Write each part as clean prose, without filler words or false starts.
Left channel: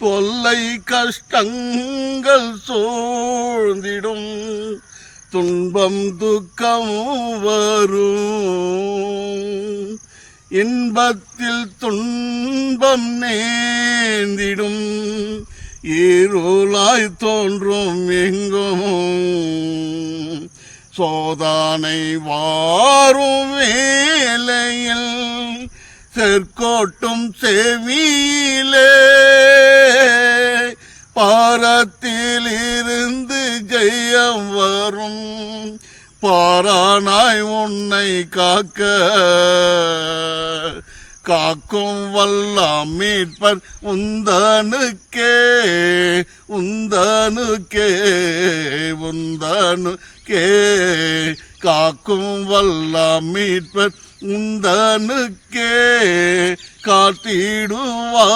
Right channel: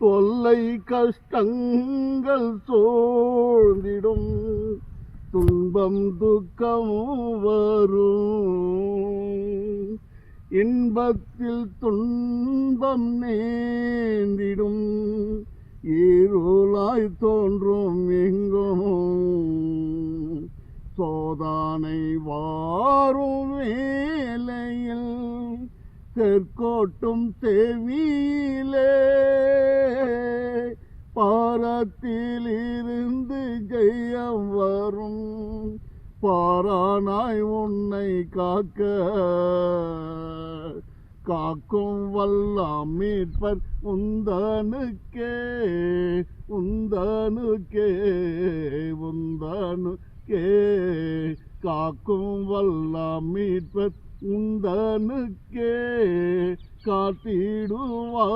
தொல்லை கஷ்டங்கள் சூழ்ந்திடும், துன்பம் துக்கம் வரும். இன்பத்தில் துன்பம் நேர்ந்திடும், இருளாய் தோன்றும் எங்கும். சோதனை வாரும் வேளையில் செற்கோட்டும் செவியிலே, பாரத்தில் இருந்து ஜெயம் வரும். பாரானாய் உன்னை காக்க காக்கும் வல்ல மீட்பர் உந்தனுக்கே உந்தனுக்கே உந்தனுக்கே. காக்கும் வல்ல மீட்பர் உந்தனுக்கே, காத்திடுவார்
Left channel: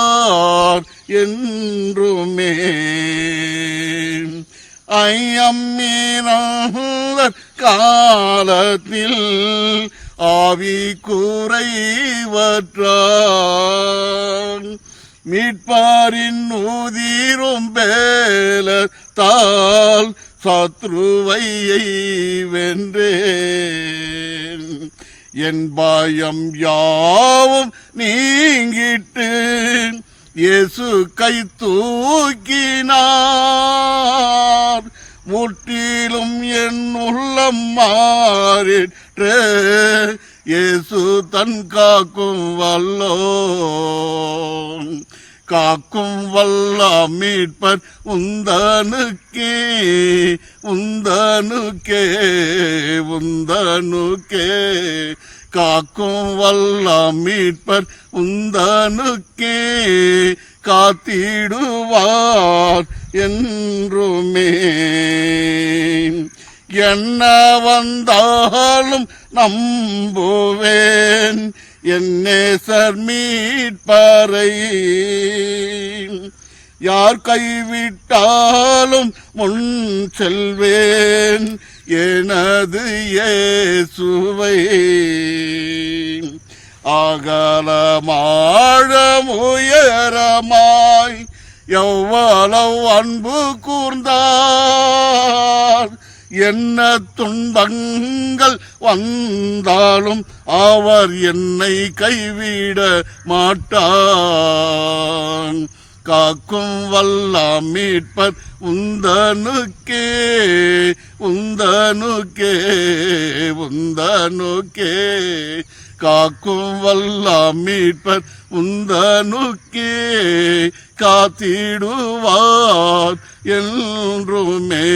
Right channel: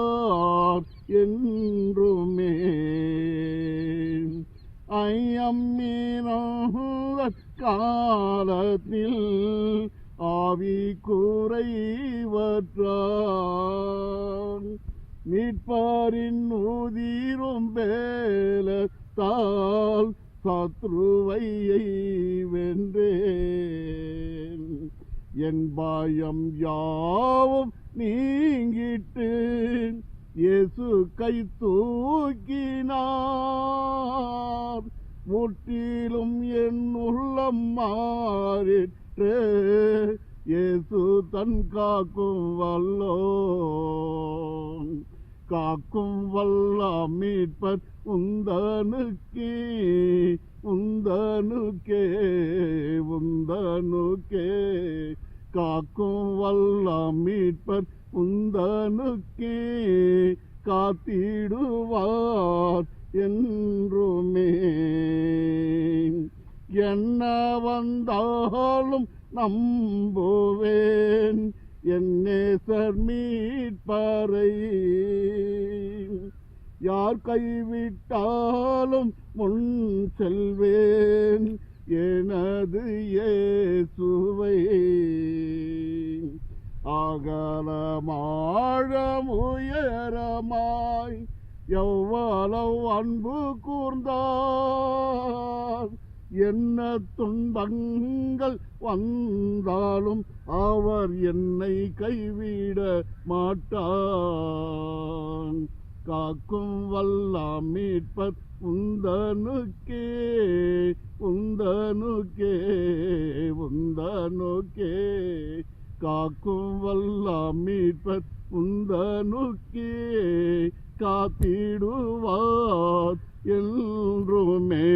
என்றுமே. ஐயம் மீனவர் காலத்தில் ஆவி குறைவற்றான், மீட்பாரின் உதிரும் பேலத்தால் சத்ருவையை வென்றேன். என் பயம் யாவும் நீங்கிட்டு இயேசு கை தூக்கினார். முற்றிலும் என் உள்ளம் மாறிற்று, இயேசு தன் காக்கும் வல்லோன். காக்கும் வல்ல மீட்பர் உந்தனுக்கே உந்தனுக்கே உந்தனுக்கே. காக்கும் வல்ல மீட்பர் உந்தனுக்கே, காத்திடுவார் என்றுமே. என்ன வந்தாலும் நம்புவேன் என் நேசர் மீட்பரை. யார் கைவிட்டாலும் முன் செல்வேன் எனது இயேசுவை. அகலமாழம் உயரமாய் எவ்வளவு அன்பு கூர்ந்தார். என்ன துன்பங்கள் வந்தாலும் அவர் என்னை கைவிட மாட்டான். காக்கும் வல்ல மீட்பர் உந்தனுக்கே உந்தனுக்கே உந்தனுக்கே. காக்கும் வல்ல மீட்பர் உந்தனுக்கே, காத்திடுவார் என்றுமே.